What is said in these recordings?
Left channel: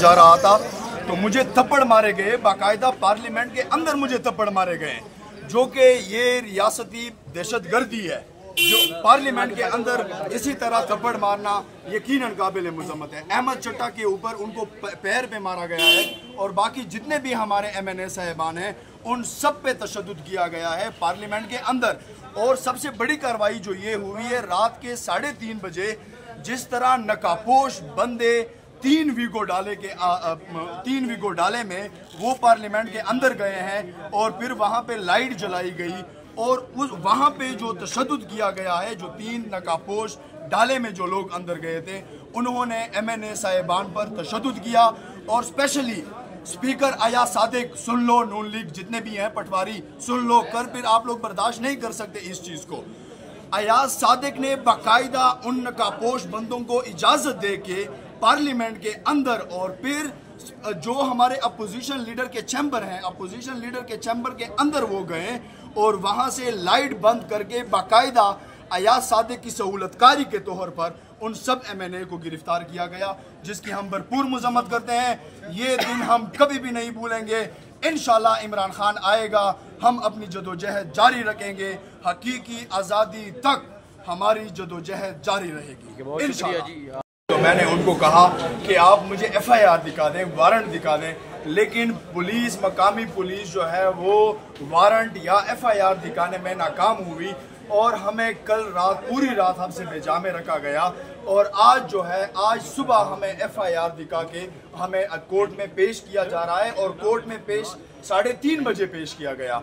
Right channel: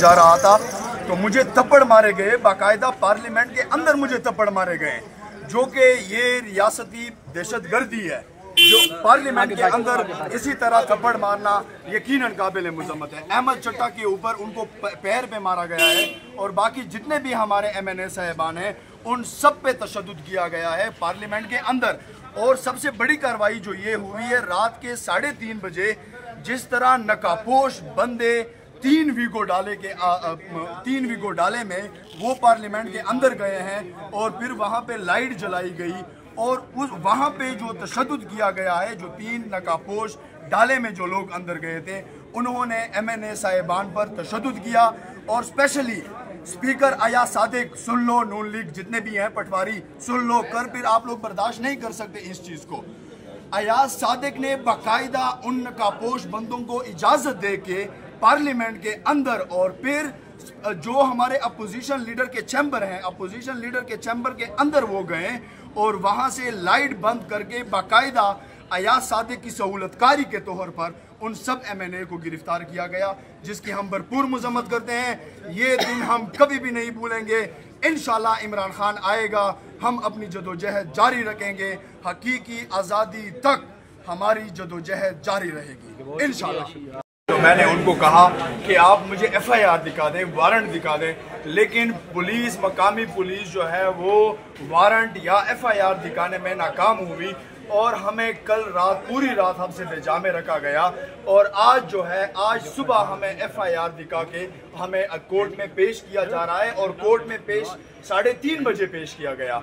जा रहा था तो मुझे थप्पड़ मारे गए, बाकायदा पार्लियामेंट के अंदर मुझे थप्पड़ मारे गए, जो कि ये रियासती दहशतगर्दी है। जो पार्लियामेंट के अंदर इसी तरह थप्पड़ मारना यकीनन काबिल मुज़म्मत है। अहमद चट्टा के ऊपर उनको पैर पे मारा गया है और बाकी जितने भी हमारे MNA साहिबान हैं उन सब पे तशद्दुद किया गया है पार्लियामेंट के अंदर। और सबसे बड़ी कार्रवाई जो ये हुई है रात के 3:30 बजे, जिस तरह नकापोश बंदे 3 वीगो डाले में वो पार्लियामेंट के अंदर गए हैं और फिर वहाँ पे लाइट जलाई गई और उस वहाँ पे जो तशद्दुद किया गया है, जो 3 नकापोश डाले में जो लोग अंदर गए थे उन्होंने MNA साहिबान पर तशद्दुद किया। और स्पेशली स्पीकर अयाज सादिक, सुन लो, नून लीग जितने भी हैं, पटवारी सुन लो, कर फिर आप लोग बर्दाश्त नहीं कर सकते इस चीज़ को। अयाज सादिक ने बाकायदा उन नकापोश बंदों को इजाज़त दे के पार्लियामेंट के अंदर और फिर जो हमारे अपोजिशन लीडर के चैम्बर हैं, अपोजिशन लीडर के चैम्बर के अंदर वो गए और वहाँ से लाइट बंद करके बाकायदा अयाज सादिक की सहूलतकारी के तौर पर उन सब MNA को गिरफ्तार किया गया, जिसकी हम भरपूर मजम्मत करते हैं। ये दिन हम कभी भी नहीं भूलेंगे। इंशाल्लाह इमरान खान आएगा, हम अपनी जदोजहद जारी रखेंगे, हकीकी आज़ादी तक हमारी जदोजहद जारी रहेगी इंशाल्लाह। तो मैंने उनको कहा कि आप मुझे FIR दिखा दें, वारंट दिखा दें, लेकिन पुलिस, मकामी पुलिस जो है वो वारंट या FIR दिखाने में नाकाम हुई और हमें कल रात पूरी रात हमसे बेजामे रखा गया। और आज जो है, आज सुबह हमें FIR दिखा के हमें कोर्ट में पेश किया जा रहा है और कोर्ट में पेश 3:30 बजे पेश किया गया।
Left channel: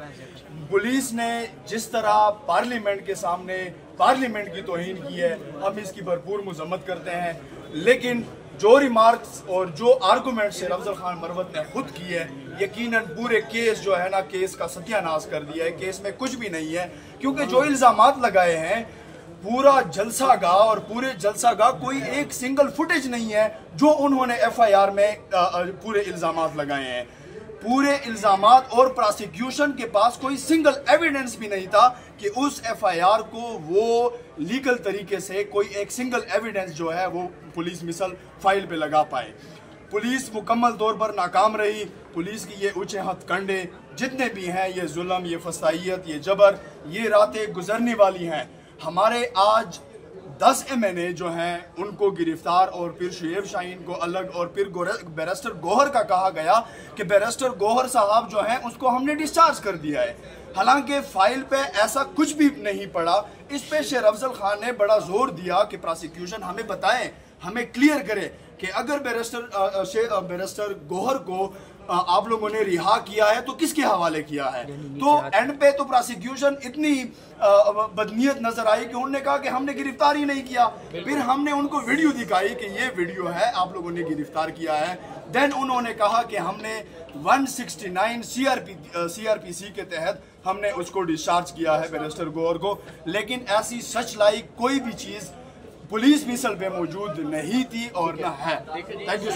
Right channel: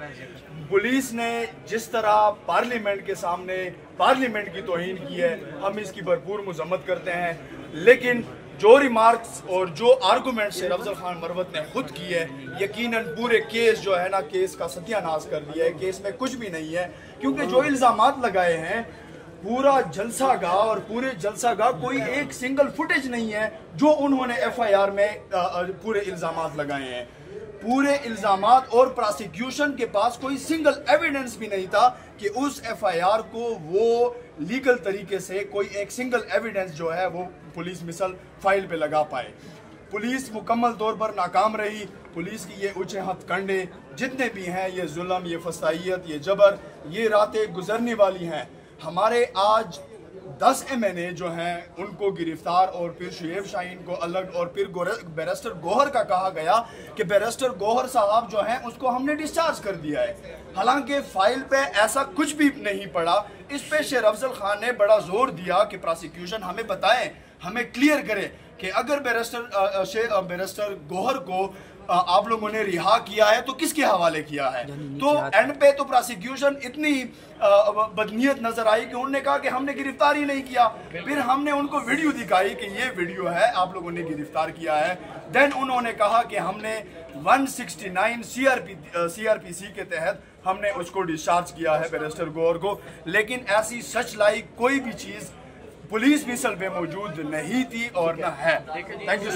पुलिस ने जिस तरह पार्लियामेंट के सामने पार्लियामेंट की तौहीन की है, हम इसकी भरपूर मजम्मत करते हैं। लेकिन जो रिमार्क्स और जो आर्गूमेंट शेर अफजल खान मरवत ने खुद की है, यकीनन पूरे केस जो है ना, केस का सत्यानाश कर दिया है। केस में कुछ भी नहीं है, क्योंकि जो इल्जामात लगाए हैं, पूरा जलसा गाह और पूरे जलसा गाह कोई एक सिंगल फुटेज नहीं है जो उन्होंने FIR में पूरे इल्जामात लगाए हैं। पूरे इल्जामात और प्रोसिक्यूशन के पास कोई सिंगल एविडेंस भी नहीं था कि उस FIR को वो लीगल तरीके से कोई एक सिंगल एविडेंस जो है वो पुलिस मिसल फाइल पे लगा पाए। पुलिस मुकम्मल तौर पर नाकाम रही। पुलिस की ये ऊंचे हथकंडे जितने भी हैं, ये जुल्म, ये फसाइयत, ये जबर, ये रातें गुजरने वाली हैं। हमारे आज 10 MNA जो हैं उनको गिरफ्तार और फिर शुएब शाहीन को अलग और फिर बैरिस्टर गौहर का कहा गया कि बैरिस्टर गौहर साहब जो हैं उसको हमने डिस्चार्ज कर दिया है। हालांकि फाइल पे ऐसा कुछ भी नहीं पड़ा। इस पे शेर अफजल खान ने बड़ा जोर दिया कि प्रोसिक्यूशन हमें बताएं, हमें क्लियर करे कि अगर बैरिस्टर गौहर को आप लोगों ने रिहा किया है तो किसके हवाले किया है। तो एंड पे तो प्रोसिक्यूशन इतनी बदनीयत नजर आई कि उन्होंने कहा कि हमने गिरफ्तार ही नहीं किया। फिर हमने उनको वीडियो दिखाई कि ये वीडियो है, आप लोगों ने गिरफ्तार किया है। देन उन्होंने कहा कि हमने 169 CRPC के तहत हमने उसको डिस्चार्ज किया है बैरिस्टर गौहर को। लेकिन ऐसी सच लाई कोई भी चीज पुलिस मिसल पे मौजूद नहीं थी और न है। Thank you.